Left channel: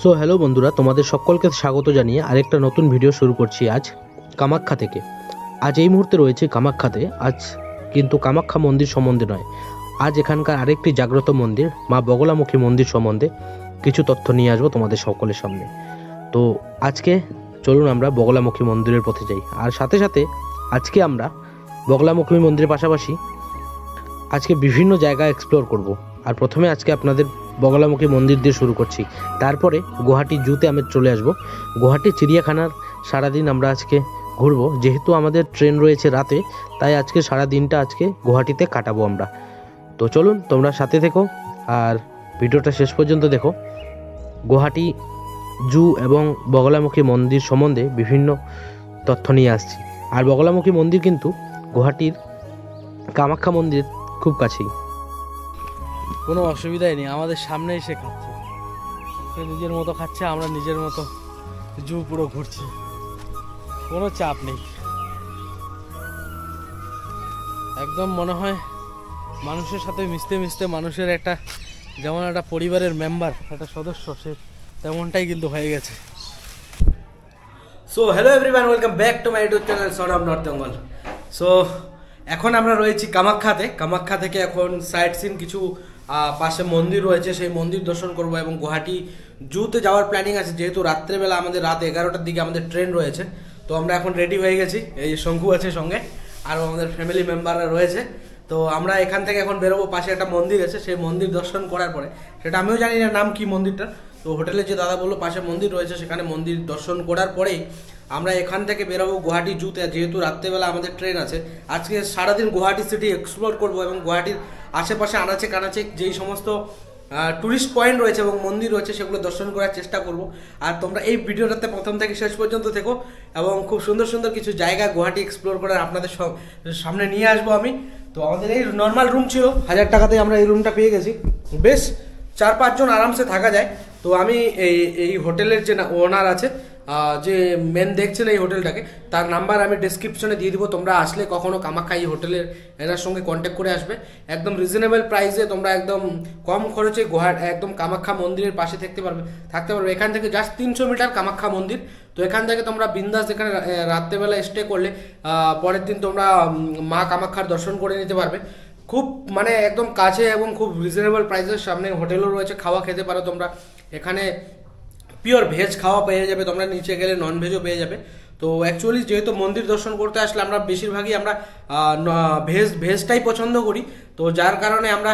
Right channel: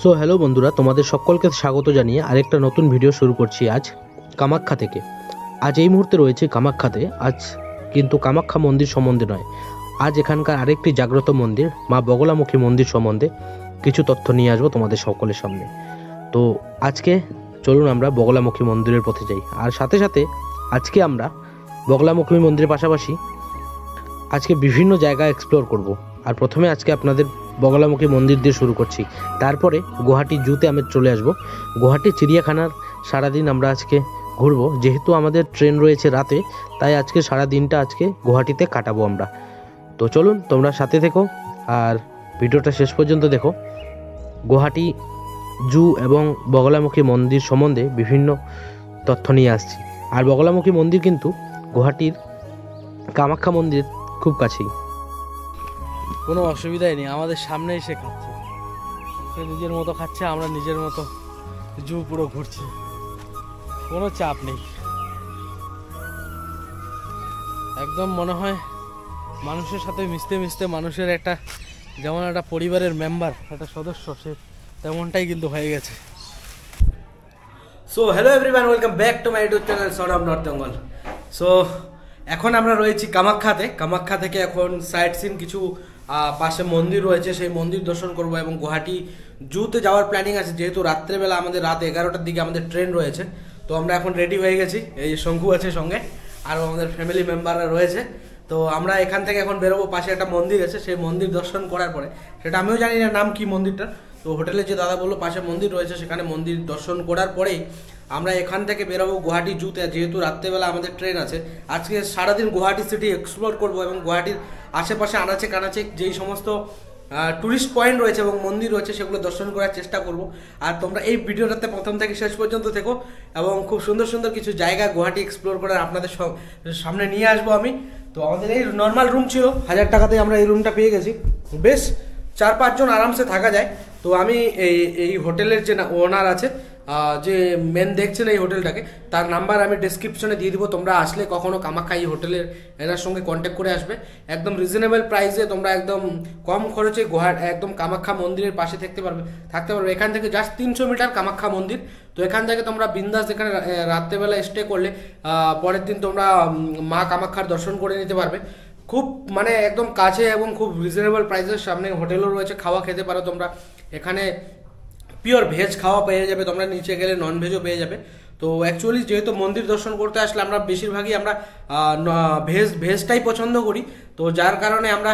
So hello বন্ধুরা, তোমাদের সকলকে স্বাগত জানিয়ে আরেকটা নতুন ভিডিও শুরু করছি আজ কামাখ্যা থেকে। আজ এই মুহূর্তে রয়েছে কামাখ্যাতে। আজ কিন্তু কামাখ্যা মন্দির সম্বন্ধে নয়, আজ এখানকার আরেকটি জাগ্রত মন্দির মা বগলামুখী মন্দির সম্বন্ধে কিছু তথ্য নিয়ে আসবো তোমাদের সকলের সামনে। তো আজকে চলুন আমরা বগলামুখী মন্দিরের পথে যাই। আর সাথে সাথে আজকে আমরা বগলামুখী মন্দিরের পাশাপাশি আজকে বিভিন্ন জায়গা এক্সপ্লোর করব। আর প্রথমে আজকে আপনাদের বগলামুখী মন্দির দিয়ে শুরু করছি, তারপরে গুয়াহাটি জুতে আমি চলে আসব। গুয়াহাটি চিড়িয়াখানার সারাদিন আমরা আজকে ঘুরবো, যেহেতু আমাদের ট্রেন রয়েছে রাতে, তাই আজকে সারা দিনটা আজকে গুয়াহাটিতে কাটাবো আমরা। তো চলুন তোমরা সাথে থেকো আর ভিডিওটা শেষ পর্যন্ত দেখো। গুয়াহাটি জু এবং বগলামুখী মন্দির সম্বন্ধে বিভিন্ন তথ্য নিয়ে আসছি। আর বগলামুখী মন্দির কিন্তু গুয়াহাটির কামাখ্যা মন্দির খুব কাছেই। কোনো অসুবিধাই নেই, আমাদের সামনে এসে খাচ্ছে, সে নিজের মতো খাচ্ছে, আমরা নিজের মতো জু পুরো ঘুরছি, কোনো চাপ নেই। একদম মনে হয় মানুষের সাথে মিশতে মিশতে মানুষের একটা যেমন একটা পরিবারের মেম্বার, একটা সদস্য, সে তেমনটাই কিন্তু হয়ে গেছে। So hello everyone, welcome back to my YouTube channel son of north Bengal. So এখন আমরা রয়েছি কামাখ্যাতে। কামাখ্যা থেকে এখন সাইট সিন কিছু পাশে মন্দির রয়েছে, সেই মন্দির দর্শন করব এবং গুয়াহাটি জুতে যাওয়ার প্ল্যানিং আছে, যেহেতু রাত্রেবেলা আমাদের রাত 11টার দিকে আমাদের ট্রেন রয়েছে। তো আমরা এখন রেডি হয়ে গেছি, এই শঙ্কু আছে সঙ্গে, আর আমাদের ফ্যামিলি মেম্বাররা রয়েছে। তো আমরা এখান থেকে এখন বেরোবো, পাশে একটা মন্দির আছে, সেই মন্দির দর্শন করার পরে, সেটা আমিও জানি না নাম কি মন্দিরটা, তো হোটেলে যে দাদা বললো পাশে মন্দির রয়েছে, সেখানে মন্দির দর্শন করার পরেই আমরা এখান থেকে বেরোবো গুয়াহাটি জুতে। যেহেতু রাত্রেবেলা আমাদের ট্রেন আছে, আজকে সারাদিন গুয়াহাটি সিটি এক্সপ্লোর করব এবং গুয়াহাটির আশেপাশে আনাচে কানাচে যেই সমস্ত টুরিস্ট পয়েন্ট রয়েছে এবং মন্দির রয়েছে সেগুলো দর্শন করার চেষ্টা করব। আর তোমরা এই ভিডিওটাতে প্রথম থেকে শেষ পর্যন্ত থেকো এবং খুব সুন্দর সুন্দর কিছু জায়গা গুয়াহাটি এক্সপ্লোর করার আপনাদের সামনে নিয়ে আসবো আমি। তো আমাদের এই নর্মাল রুম ছিল 1000 টাকাতে, আমরা এই রুমটা পেয়ে গেছি, বেশ 4-5 জন আরামসে থাকা যায়। তো আমি এই হোটেলের যে ওনার আছে, যে মেন দেখছেন এই হোটেলটাকে, তার নাম্বার আমি ডেসক্রিপশনে দিয়ে দিব। তোমরা আসলে কখনো কামাখ্যা এই হোটেলের এনার সঙ্গে কন্ট্যাক্ট করে আসবে। একদম রিজনেবল প্রাইসে তোমরা একদম কম খরচে গুয়াহাটি একদম কামাখ্যা মন্দিরের পাশে থাকতে পারবে। এখান থেকে জাস্ট 300 মিটার কামাখ্যা মন্দির। তো এখান থেকে তোমরা বিন্দাস এখানে রাত্রেবেলা স্টে করলে পরের দিন তোমরা মা কামাখ্যার দর্শন করে নিতে পারবে। খুব মানে একদম কাছে এবং খুব রিজনেবল প্রাইসের সামনে হোটেলও রয়েছে, খাওয়া খেতে পারো তোমরা। এখানে পিওর ভেজ খাওয়া পেয়ে যাবে, তোমরা নিচে গেলে নন ভেজও পেয়ে যাবে। তো অ্যাকচুয়ালি যেহেতু মন্দির দর্শন করতে আসলে আমরা বেশিরভাগই আমরা ভেজটাই পছন্দ করি, তো যার কারণে আমরা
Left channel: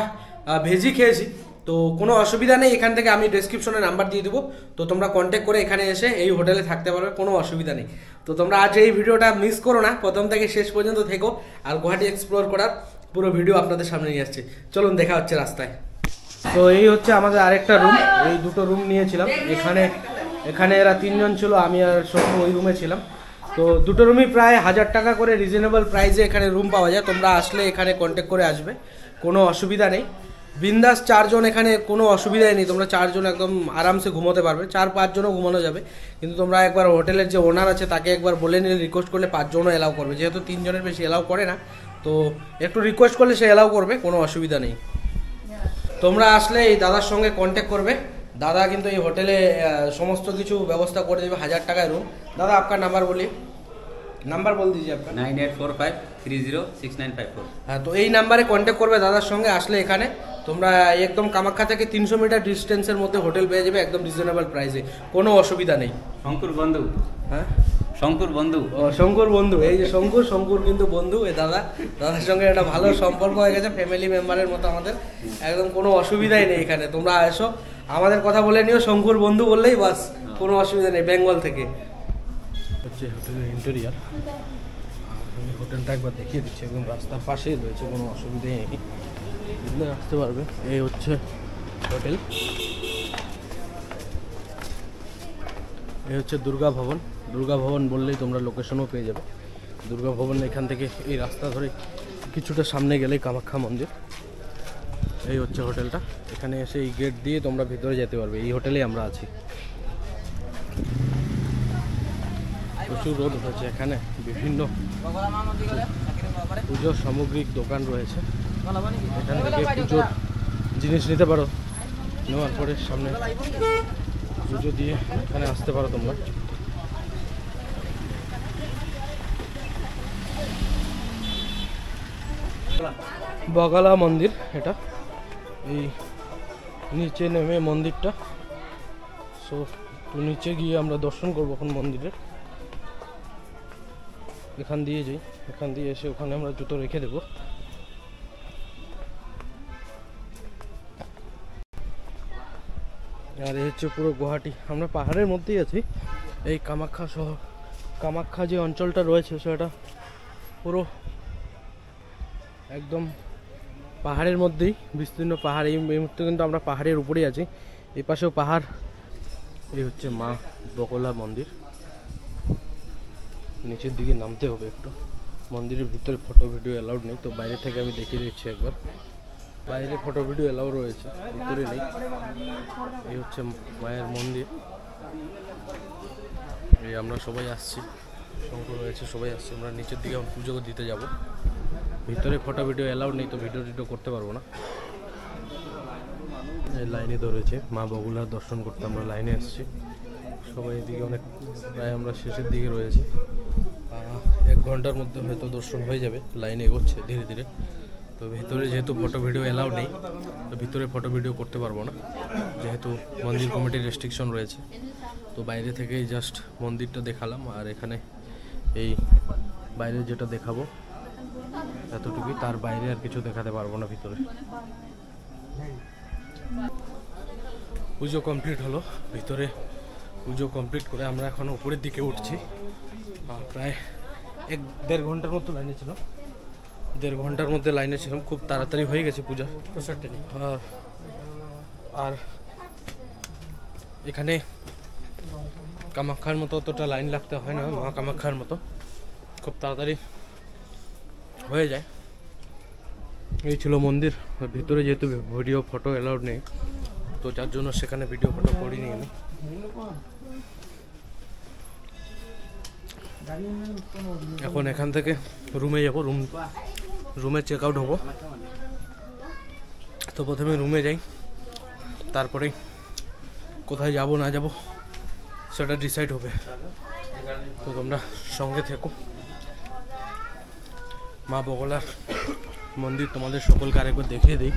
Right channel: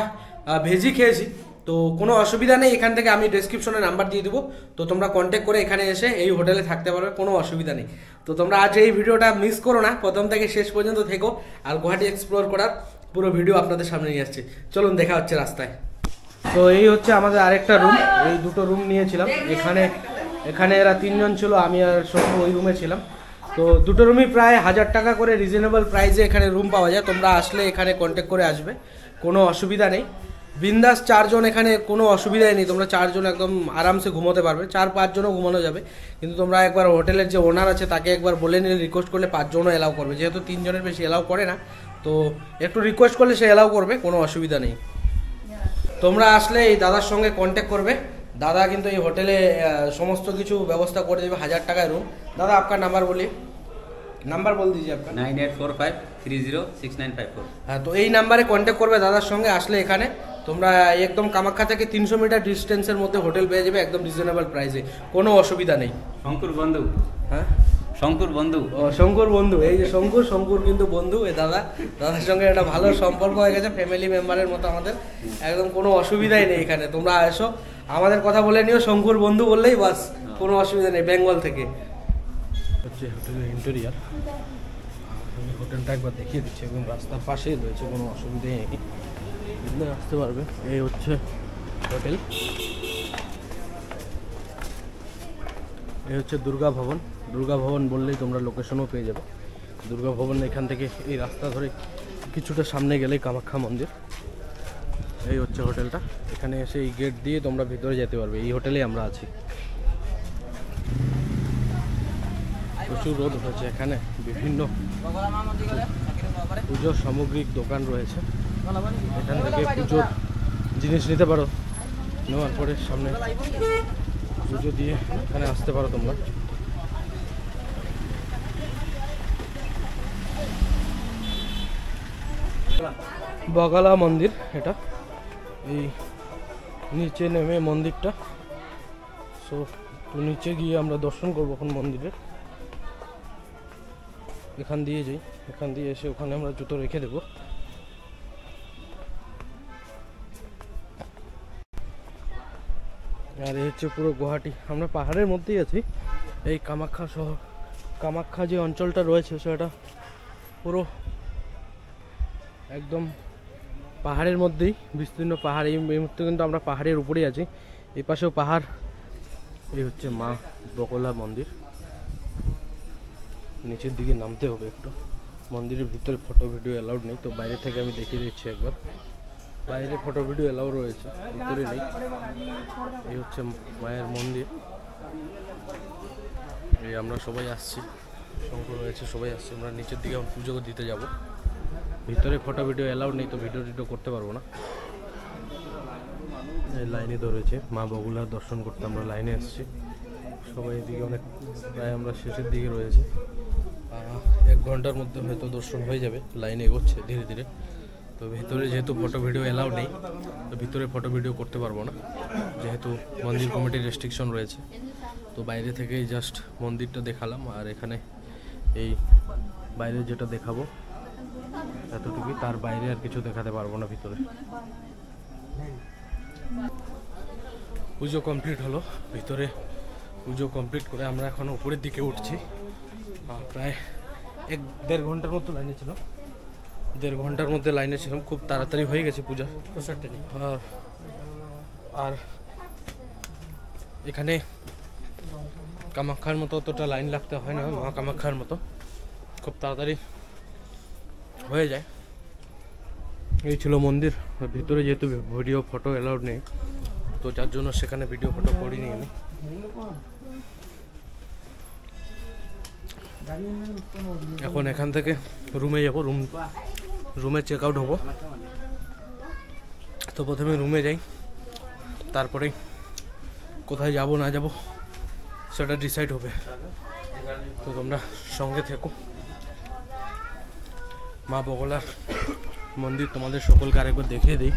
ভেজই খেয়েছি। তো কোনো অসুবিধা নেই, এখান থেকে আমি ডেসক্রিপশনে নাম্বার দিয়ে দেবো, তো তোমরা কন্ট্যাক্ট করে এখানে এসে এই হোটেলে থাকতে পারবে, কোনো অসুবিধা নেই। তো তোমরা আজ এই ভিডিওটা মিস করো না, প্রথম থেকে শেষ পর্যন্ত থেকো, আর গুয়াহাটি এক্সপ্লোর করার পুরো ভিডিও আপনাদের সামনে নিয়ে আসছে। চলুন দেখা হচ্ছে রাস্তায়। তো এই হচ্ছে আমাদের আরেকটা রুম, এই দুটো রুম নিয়েছিলাম। এখানে এরা 3 জন ছিল, আমি আর শঙ্কু ওই রুমে ছিলাম। তো দুটো রুমই প্রায় 1000 টাকা করে রিজনেবল প্রাইসে এখানে রুম পাওয়া যায়। তোমরা আসলে এখানে কন্ট্যাক্ট করে আসবে, কোনো অসুবিধা নেই। বিন্দাস 4 জন, এখানে কোনো অসুবিধাই নেই, তোমরা 4 জন একদম আরামসে ঘুমোতে পারবে। 4-5 জনও ঘুমানো যাবে, কিন্তু তোমরা একবার হোটেলের যে ওনার আছে তাকে একবার বলে নিলে, রিকোয়েস্ট করলে 5 জনও এলাও করবে, যেহেতু 3 জনের বেশি এলাও করে না। তো একটু রিকোয়েস্ট করলে সে এলাও করবে, কোনো অসুবিধা নেই। তোমরা আসলে এই দাদার সঙ্গে কন্ট্যাক্ট করবে, দাদা কিন্তু এই হোটেলে সমস্ত কিছু ব্যবস্থা করে দেবে। 1000 টাকায় রুম। দাদা আপনার নাম্বার বলি, নাম্বার বল দিজিए आपका 9845306954। হ্যাঁ, তো এই নাম্বারে কন্ট্যাক্ট করবে দাদার সঙ্গে। আসলে এখানে তোমরা একদম কামাখ্যা থেকে 300 মিটার ডিস্টেন্সের মধ্যে হোটেল পেয়ে যাবে একদম রিজনেবল প্রাইসে, কোনো অসুবিধা নেই। শঙ্কুর বন্ধু, হ্যাঁ শঙ্কুর বন্ধু, ও শঙ্কুর বন্ধু, এই যে শঙ্কুর কিন্তু বন্ধু। এই দাদার সঙ্গে একটা ভালো সম্পর্ক হয়ে গেছে, ফ্যামিলি মেম্বারের মতো আমাদের, একদম কোনো অসুবিধাই নেই। এখানে তোমরা এসো, আমাদের কথা বলে নিও, শঙ্কুর বন্ধু বললেই বাস, কোনো অসুবিধা নেই। বেঙ্গল থেকে হচ্ছে হোটেলের ইন্টেরিয়ার, আমি হোটেলটা একবার দেখিয়ে দিচ্ছি, একদম রাস্তার পাশেই রয়েছে, কোনো অসুবিধাই নেই, আসতে পারবে। এই হচ্ছে হোটেল, এই হচ্ছে দুর্গা ভবন বললেই তোমরা লোকেশনও পেয়ে যাবে। দুর্গা ভবন এখান থেকে এই রাস্তা ধরে কিছুটা সামনে গেলেই কামাখ্যা মন্দির। এই হচ্ছে হোটেলটা, এখানে এসে এই গেট দিয়ে তোমরা ভিতরে যেতে পারবে। এই হোটেলেই আমরা আছি। প্রচুর রোদ হচ্ছে এখানে, বিভিন্ন পুজোর সামগ্রিক দোকান রয়েছে, এখান থেকে পুজোর জিনিস নিতে পারো। নেওয়ার পরে সামনে পুজো দিয়ে এখানে আসতে পারো তোমরা। বগালা মন্দির এটা, এই নিচে নেমে মন্দিরটা। সো নিচে গিয়ে আমরা দর্শন করবো এখন মন্দিরের। এখান দিয়ে যাই, এখান দিয়ে এসে ওখানে আমরা জুতো রেখে দেবো। আর এই হচ্ছে পুরো গুয়াহাটি। আমরা পাহাড়ের মধ্যেই আছি। এই কামাখ্যা শহর, কামাখ্যা যে অঞ্চলটা রয়েছে সেটা পুরো একদম পাহাড়ের মধ্যেই বিস্তীর্ণ পাহাড়। এই মুহূর্তে কিন্তু আমরা পাহাড়ের উপরেই আছি, এই পাশেও পাহাড়। এই হচ্ছে মা বগলা মন্দির। নিচের দিকে নামতে হবে একটু। মন্দিরের ভিতরে ফটো ভিডিও অ্যালাউড নেই, তো বাইরে থেকে আমি দেখিয়ে দিচ্ছি একবার। বাইরে ফটো ভিডিও অ্যালাউ রয়েছে, ভিতরে নেই। এই হচ্ছে মায়ের মন্দির। এই আমরা সবাই আসছি, শঙ্কর রয়েছে, সবাই আসছি। আমরা নিচের দিকে পুজো দিতে যাব। ভিতরে ফটো ভিডিও অ্যালাউড নেই, তো ভিডিও টিডিও করতে পারবো না। এই লাইনে ধরেছে মা বগুলার দর্শন করতে আমরা লাইনে এসেছি সবাই। এদিকে অনেক, প্রায় আমরা শেষের দিকে রয়েছি। 1 ঘন্টার মধ্যে হয়তো দর্শন হয়ে যাবে। লাইনে এগোচ্ছে ধীরে ধীরে। তো ভিতরে যেহেতু ফটো ভিডিও অ্যালাউড নেই, তো ভিতরে ফটো ভিডিও করতে পারবো না, যেহেতু মন্দির কমিটির রেস্ট্রিকশন রয়েছে। তো বাইরে থেকেই জাস্ট মন্দিরটা দেখালাম। আর এখানে এই বাইরে যেটা দেখাবো এতটুকুই, তার বাইরে আর কিছু দেখাতে পারবো না ভিতরে। পুজো কমপ্লিট হলো, ভিতরে পুজো কমপ্লিট করে আমরা এখন উপরের দিকে উঠছি। প্রায় 1-1.5 ঘন্টার মতো লাইনে ছিল। 1.5 ঘন্টার মধ্যে লাইনে ছিলাম, খুব তাড়াতাড়ি হয়ে গেছে পূজা। আর এখানে কামাখ্যার মতো অতটা লাইন লাগতে হয় না, মা কামাখ্যার মতো খুব তাড়াতাড়ি হয়ে যায়। এই ছিল মন্দির। ভিতরে যেহেতু ভিডিও ফটো অ্যালাউড নেই, তো যার জন্য সেখানে ভিডিও ফটো করিনি আমি। এখন এখান থেকে রুমে যাব, রুমে চেক আউট হবো। তো প্রথমে রুমে যাই, তারপরে কোথায় যাব না যাব সেটা ডিসাইড হবে। তো তোমরা সঙ্গে থেকো। মা বগলার মন্দির তোমাদের সকলকে আরেকবার দেখিয়ে দিই।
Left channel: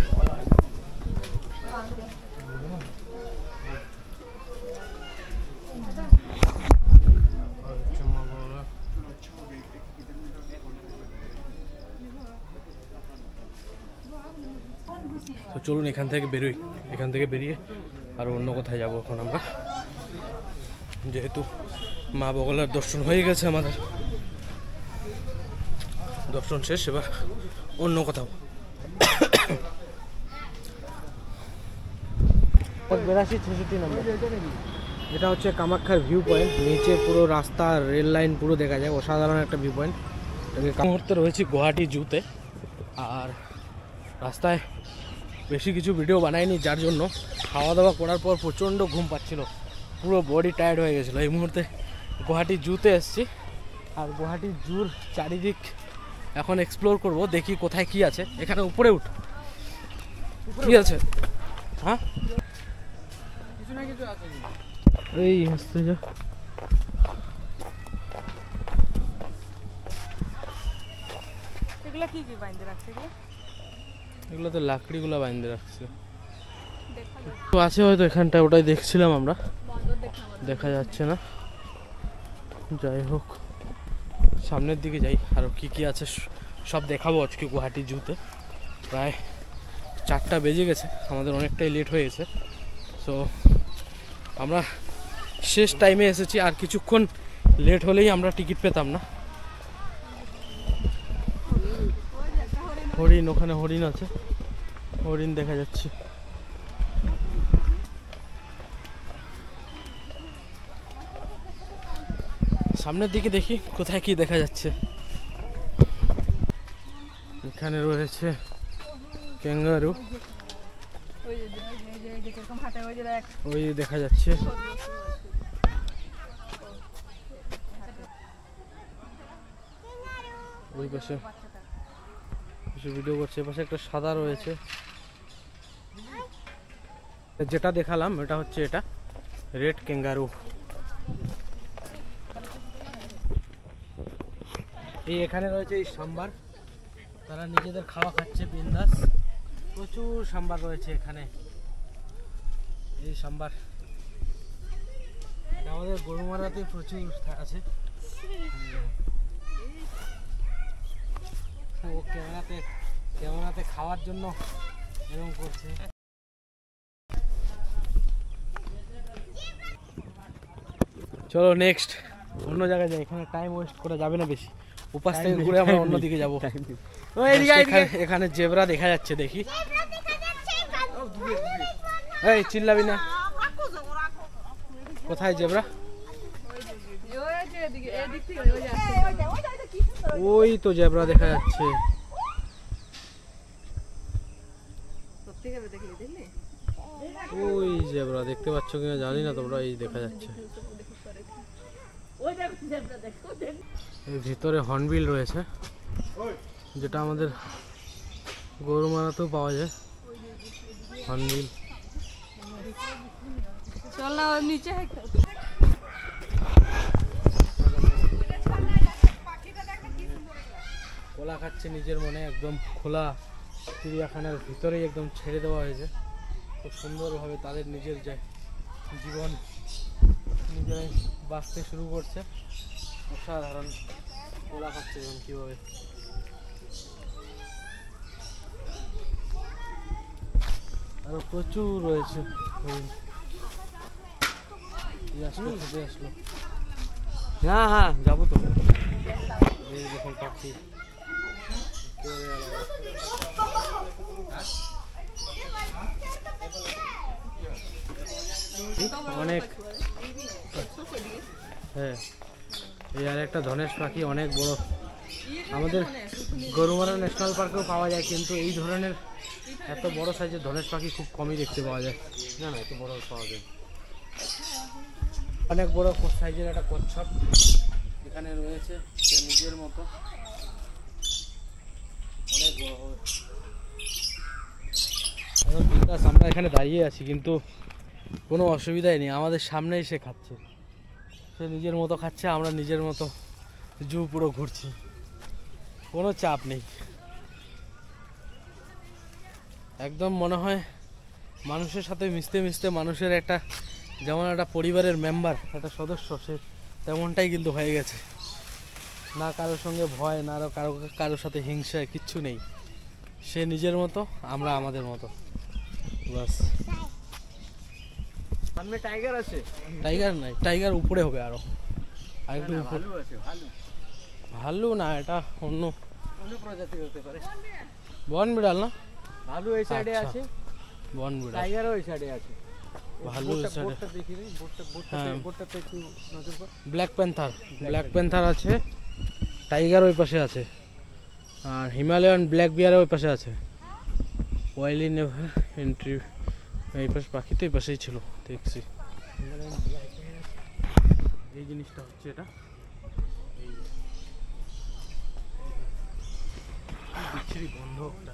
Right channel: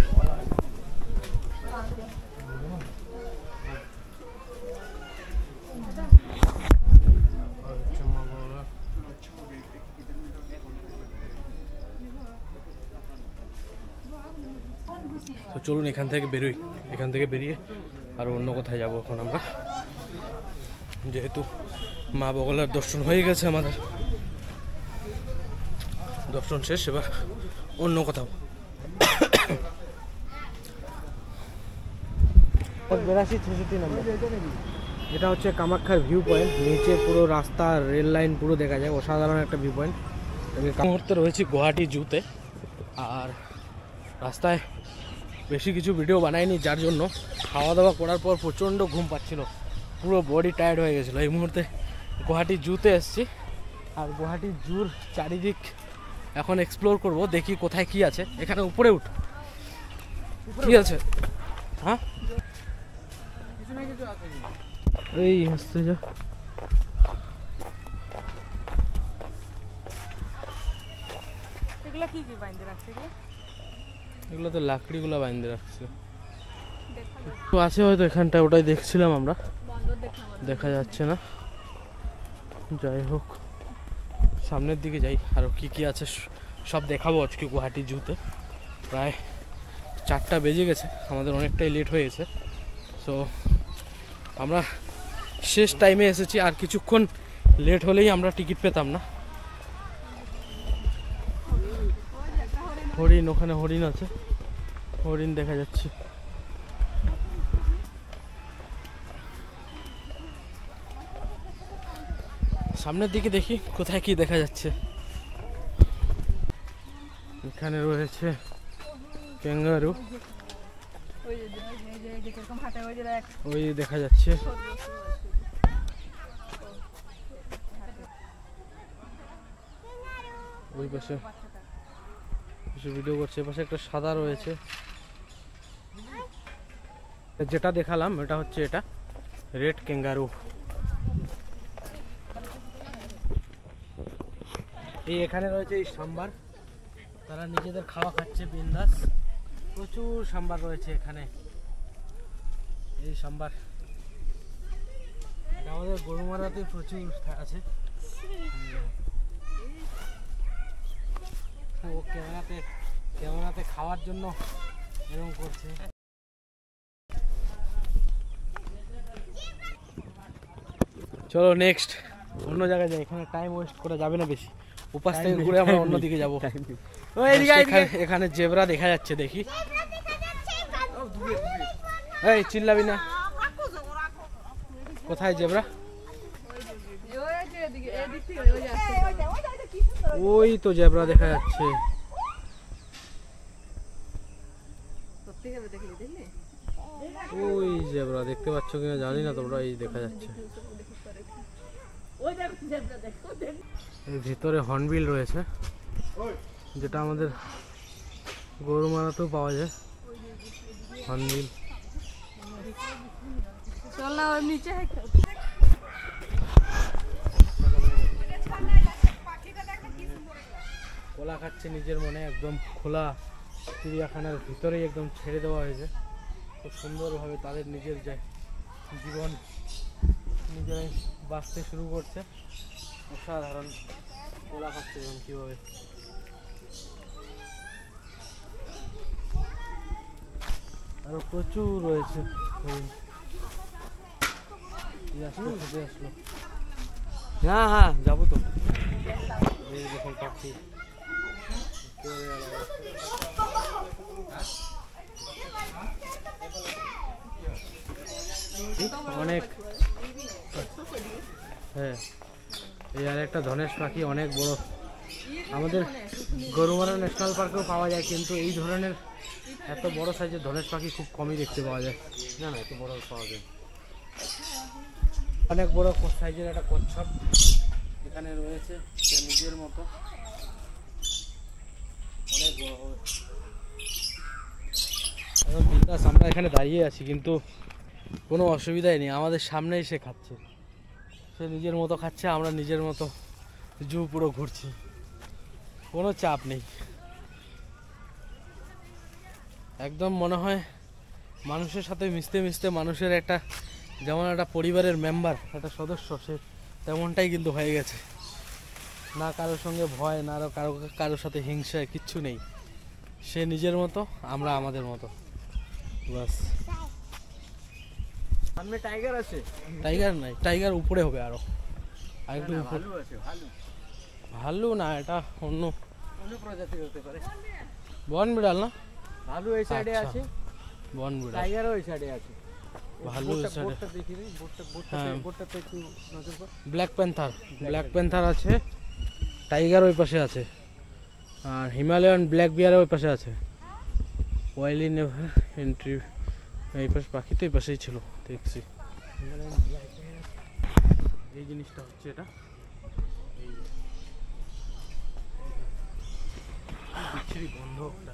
তো চলুন এখান থেকে বেরোই। এখান থেকে বেরিয়ে আর অন্য কোথায় যাব এখন আমরা, যেহেতু মা বগলার দর্শন হয়ে গেছে, আমাদের দর্শন শেষ। এবার অন্য কোথাও 82-66 নম্বর। এটা হচ্ছে কামাখ্যার ভিউ পয়েন্ট। নিচে পুরো রাস্তা, রেল লাইন পুরো দেখা যায়। অসাধারণ একটা ভিউ পয়েন্ট। মুহূর্তে রয়েছি গুয়াহাটি জুতে। আর রাস্তায় বেশি কিছু ভিডিও বানাইনি, যার জন্য খাওয়া দাওয়া করার পর প্রচণ্ড ঘুম পাচ্ছিল, পুরো বডি টায়ার্ড হয়ে গেছিলো। এই মুহূর্তে গুয়াহাটি জুতে এসেছি। আর গুয়াহাটি জুর চারিদিক এখন এক্সপ্লোর করব, দেখি কোথায় কি আছে। এখানে উপরে উঠ, কি আছে? হ্যাঁ, এই আসতে যা। এগুলো তো লাকড়িগুলো বাইন্ধে রাখছে। তো আছে হয়তো এখানটা, ওটাই দেখছিলাম আমরা, দেখা যাচ্ছে না। যাই হোক, সামনের দিকে যাই, আরও কি কি আছে সব দেখাবো আজকে গুয়াহাটি জুতে। প্রায় 4টা বেজে গেছে, আমাদের অনেকটাই লেট হয়ে গেছে। সো আমরা শেষ টাইমে এসেছি, আর কিছুক্ষণ লেট হলেই আমরা টিকিট পেতাম না। হরিণ, ওখানে হরিণ আছে, হরিণ দেখা যাচ্ছে। সামনের দিকে দেখি কোথায় কি দেখা যাচ্ছে। এখানে রয়েছে ক্যাঙ্গারু, ওই দেখা যাচ্ছে। ওই পাশে ভিডিও করছে, পাশে একটা সাদা রয়েছে। যেটা দেখালাম এটা হচ্ছে এটা রেড ক্যাঙ্গারু। এই এখানে রয়েছে এই সাম্বার, তারা নিজেদের খাওয়া খাচ্ছে বিন্দাস। প্রচুর সাম্বার রয়েছে এখানে। এই সাম্বার এটা আমাদের গরুমারাতে প্রচুর আছে। ও ক্যামেরাতে খাওয়ার জন্য এরকম করছে। চলো নেক্সট অন্য জায়গায় যাই, এখানে টাইম ওয়েস্ট করা যাবে না বেশি। উপাস থেকে ঘুরে আমরা অন্যদিকে যাবো। এখানে জেব্রা দেখা যাচ্ছে, দেখি। এই চিল্লাবি না, কোথায় জেব্রা? ওই তো জেব্রা দেখা যাচ্ছে। ওই জেব্রা দেখতে পাচ্ছ কিনা জানি না তোমরা, এই দেখা যাচ্ছে। এর ভিতরে হর্নবিল রয়েছে, যেটা আমাদের গরুমারাতেও পাওয়া যায়। হর্নবিল কলা খাচ্ছে নিজের মনে, একদম খোলা চিড়িয়াখানার ভিতরেই একদম ছেড়ে দেওয়া হয়েছে। খুব সুন্দরভাবে তাদের নিজের জীবন নিজেরাই বাঁচতে শুরু করছে। অসাধারণ কলা খাচ্ছে এবং কীভাবে। আরো প্রচুর রয়েছে। আসলো হ্যাঁ হ্যাঁ যাবো তো। এই দেখুন পাখি অনেক। হ্যাঁ এই আর একটা ধনেশ পাখি অনেক বড়। আমাদের গরুমারা ন্যাশনাল পার্কেও পাওয়া যায়, কিন্তু এই ধরনের এত বড় সাইজের ধনেশ পাখি খুব কমই দেখতে পাওয়া যায়। না না, এত বড় পাওয়া যায়। অনেক বড় সাইজের একটা কচ্ছপ এখানে রয়েছে, সে নিজের মতো অনেক বড় হবে। এখন বিন্দাস আমরা এখানে দাঁড়িয়ে আছি, কিন্তু কোনো অসুবিধাই নেই, আমাদের সামনেই সে খাচ্ছে। সে নিজের মতো খাচ্ছে, আমরা নিজের মতো জু পুরো ঘুরছি, কোনো চাপ নেই। একদম মনে হয় মানুষের সাথে মিশতে মিশতে মানুষের একটা যেমন একটা পরিবারের মেম্বার, একটা সদস্য, সে তেমনটাই কিন্তু হয়ে গেছে। না কারোর সঙ্গে ভয়, না কারোর সাথে হিংসা, কিচ্ছু নেই। সে নিজের মতো, আমরা আমাদের মতো, বাস। সামনে টাইগার আছে? টাইগার নাই, টাইগার উপরে হবে আরো আরেকটু উপরে। ভালু না, এটা অন্য প্রজাতি হতে পারে। বন বিড়াল না? ভালু এই সাইডে আছে, বন বিড়াল। টাইগারও এই সাইডে আছে। ভালু এই সাইডে। বোটটা দেখি রে, বোটটাতে একটু নজর কর। ব্ল্যাক প্যান্থার আছে, টাইগার ওই পাশে আছে, আর হিমালয়ান ব্ল্যাক বিয়ার ওই পাশে আছে। ওয়াইলি নেভার এন্ট্রি এই পাশে, পাখি তো এই পাশেই ছিল দেখছি। এই জিনিসটা হচ্ছে এটা, বিচ্ছিরি গন্ধ একটা।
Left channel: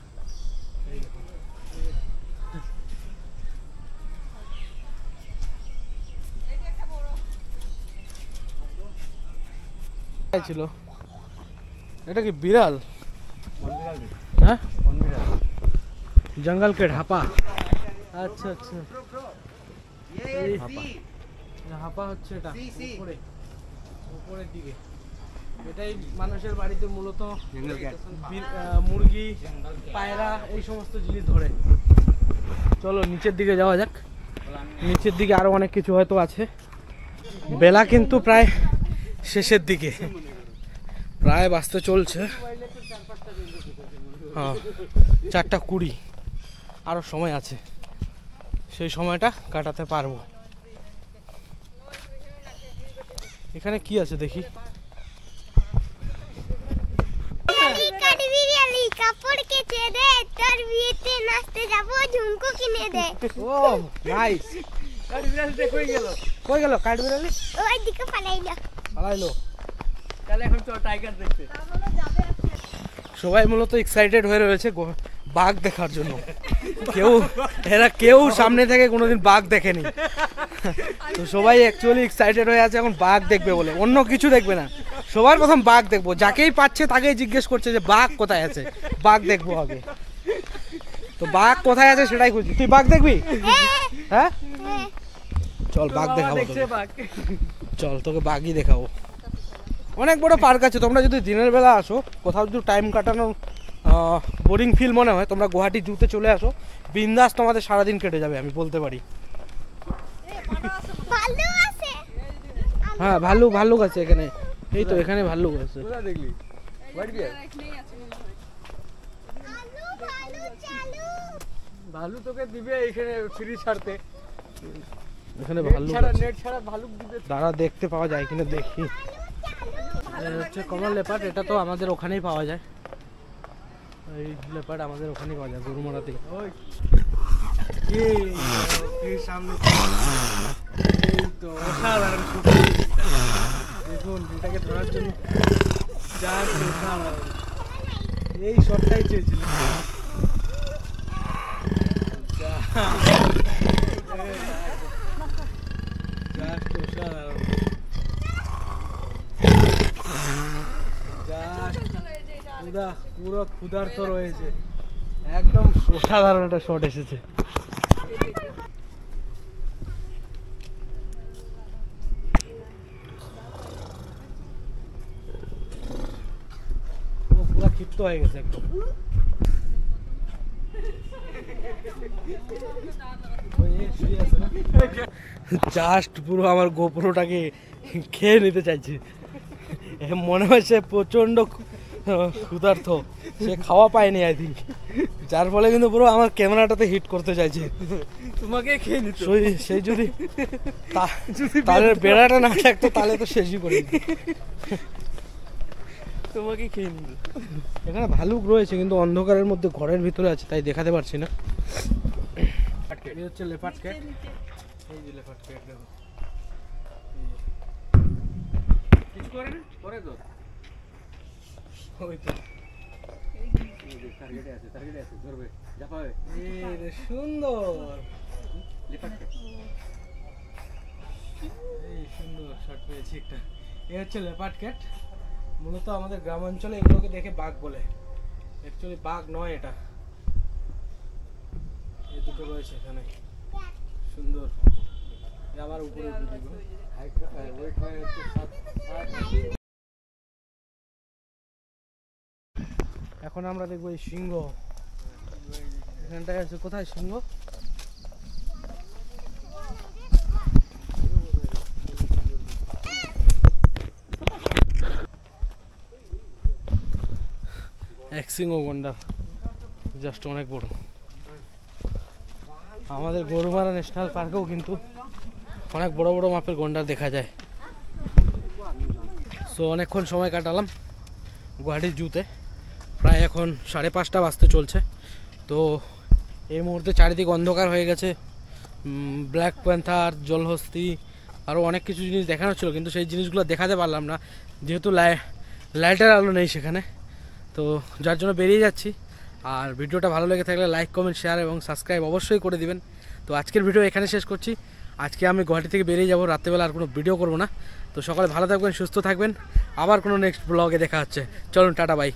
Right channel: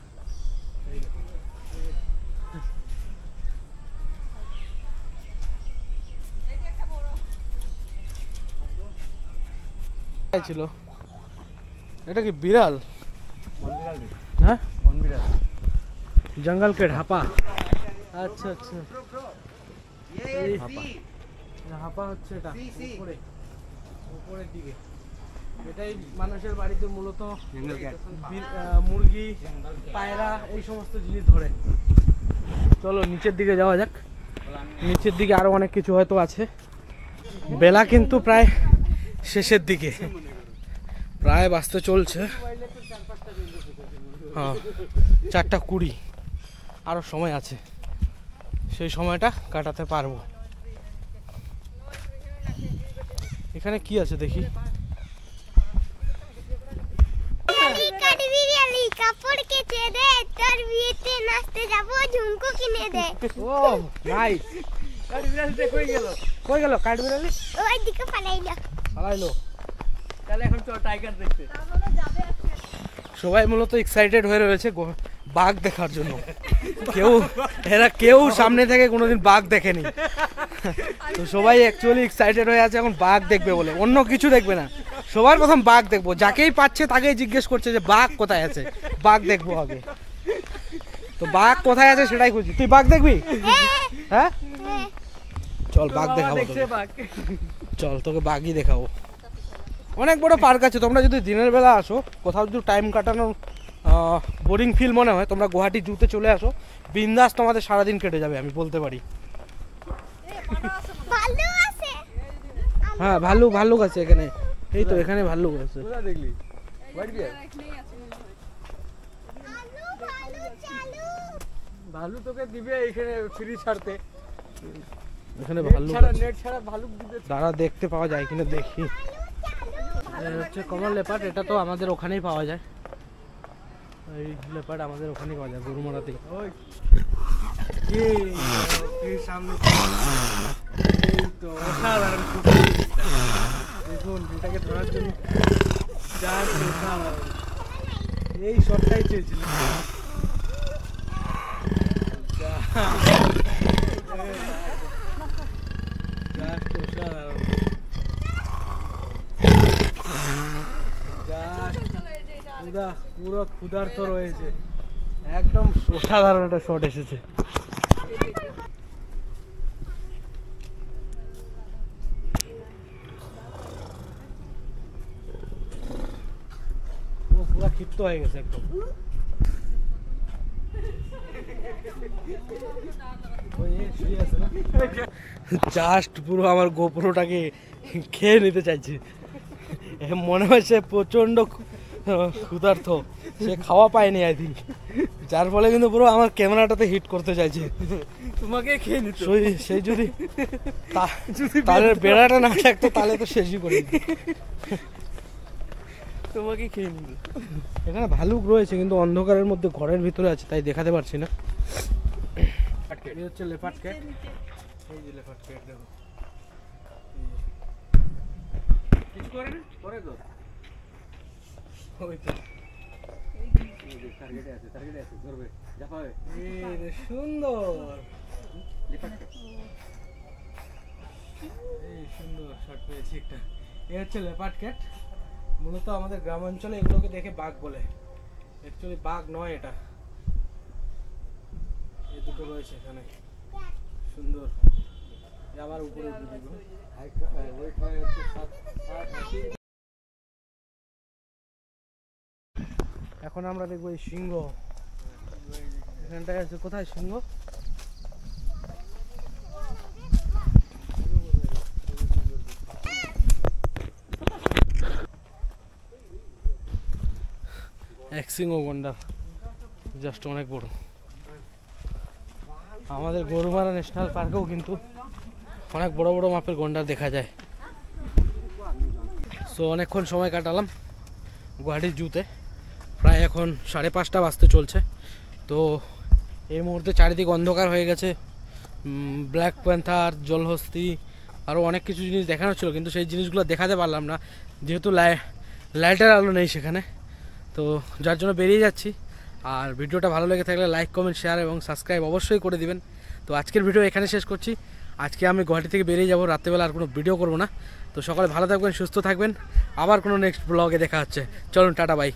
ছিল এটা কি বিড়াল? হ্যাঁ জঙ্গল কে ঢাপা। আচ্ছা আচ্ছা, হাপা হচ্ছে এটা উপরের দিকে। এটাই মানুষের বাড়িতে মূলত মুরগি, পায়রা এই সমস্ত জিনিস ধরে। চলো নিচের দিকে যাওয়া যাক। নিচের দিকে আরো অনেক কিছু হয়তো আছে। বেলা কিন্তু প্রায় শেষের দিকে, প্রায় বাজতে চলছে। হ্যাঁ 4:20, আরো সময় আছে, সেই সময়টা কাটাতে পারবো। এখানে কি আছে দেখি। কাপড় কেচে দে, তোর বিয়েতে নাচতে যাবো, ঝুমকো কিনে দে। ও নাইস। কাঠবিড়ালিটা কই গেল কাঠবিড়ালি? ওই দিকে পালাইলো। তাহলে এখন চল টাইগার দেখতে। সবাই মূলত এক্সাইটেড হয়ে রয়েছে বাঘ দেখার জন্য। কেউ সামনে থেকে কোনোদিন বাঘ দেখেনি। তো সবাই অ্যাকচুয়ালি এক্সাইটেড হয়ে আছে এখন বাঘ দেখবে বলে, অন্য কিছু দেখবে না, সবার প্রথম বাঘ দেখবো। যাকেই পাচ্ছে তাকেই জিজ্ঞেস করছে যে বাঘ কোথায় আছে, বাঘ দেখবো আগে। তো বাঘ কোথায় আছে সেটাই খুঁজি। তুই বাঘ দেখবি? হ্যাঁ চল বাঘ দেখাবো তোকে। চল তোকে বাঘই দেখাবো। অনেক বড় পার্ক আছে, তোমরা যদি দিনের বেলা আসো, কোথাও যদি টাইম কাটানোর বোরিং ফিল মনে হয়, তোমরা গুয়াহাটি জুতে চলে আসো, বিন্দাস তোমাদের সারাদিন কেটে যাবে, আমি বলতে পারি। ভালো আছে। হ্যাঁ ভাল্লুক আছে এখানে, এই তো এখানে ভাল্লুক আছে। ভালো চালু। ভালু তোকে দিবে এখানে ফ্রি ছাড়তে, এখানে ভাল্লুক আছে। নেট ছাড়া ভালুক দিবে। দাঁড়া দেখতে পাওয়া যায় কিনা দেখি। হচ্ছে কমন লেপার্ড, এটা তো আমাদের ওখানেই পাওয়া যায়। এই লেপার্ড আমাদের ওখানেই পাওয়া যায়, গরুমারা থেকে। ওই সামনে এই তো অসাধারণ, দেখুন এটাকে ধরার জন্য এই শটটাই চেয়েছিল। পুরো ক্ষুধার্ত রয়েছে, একদম অসাধারণ একটা শট এসেছে। পুরো ক্ষিপ্ত হয়ে গেছে একদম। জাস্ট পুরো আমার গোপ্রোটাকে খেয়ে নিতে চাইছে, মনে হয় সে প্রচন্ড ক্ষুধার্ত, সে খাওয়া পায়নি আই থিঙ্ক, যার ফলে কিন্তু পুরো আমার ক্যামেরাটাতে হিট করতে চাইছে। তোমাকে খেয়ে নিত সেই যদি তাহলে বেড়াটা না থাকতো তাহলে তো শেষই করে দিত। তোমাকে খেয়ে নিত। এখানে ভালুক রয়েছে কিন্তু অন্ধকারের মধ্যে ঘরের ভিতরে আছে, তাই দেখাতে পারছি না। এই হচ্ছে লেপার্ড ক্যাট, এই যে লেপার্ড ক্যাট দেখো, কিছু করে না, করে তো ওই তো টার্গেটে আছে, ধরবে জাপাবে। এই রে সুন্দর, এই সুন্দর শট পেয়েছি একটা। এই হচ্ছে লেপার্ড ক্যাট, মূলত আমাদের গ্রাম অঞ্চলে এগুলোকে দেখে বাঘ বলে, অ্যাকচুয়ালি বাঘ নয় এটা। এই দুটো রয়েছে এখানে, সুন্দর। আবার উপরে এখন আমরা দেখবো এই সিংহ, এখানটায় আছে। কোথায় সিংহ? এক সিংহ গন্ডার, জাস্ট অনেক বড়। আমাদের গরুমারা ন্যাশনাল পার্কেও কিন্তু অনেক বড় বড় মাপের গন্ডার দেখা যায়। সো অনেকক্ষণ সময় কাটালাম গুয়াহাটি জুতে, প্রায় এখন 5:30 বাজতে চলছে। তো এই মুহূর্তে চারিদিক অন্ধকার হয়ে গেছে। ব্ল্যাক প্যান্থার, জলহস্তি, আরও অনেক কিছু জিনিস দেখানো ছিল, কিন্তু সেই জিনিসগুলো দেখাতে পারলাম না যেহেতু লাইটের আলো নেই সেখানে। তো যার জন্য বেরিয়ে যাচ্ছি। আর ভিডিওটা ভালো লেগে থাকলে লাইক, কমেন্ট, শেয়ার এবং সাবস্ক্রাইব অবশ্যই করে দিবেন। তো আজকের ভিডিও এখানে শেষ করছি। আজকে আমি গুয়াহাটি থেকে বেরিয়ে যাব, রাত্রেবেলা আর কোনো ভিডিও করব না। তো সকালে ভালো থাকবেন, সুস্থ থাকবেন, আবার কোনো নেক্সট ব্লগে দেখা হচ্ছে। চলুন টাটা, বাই।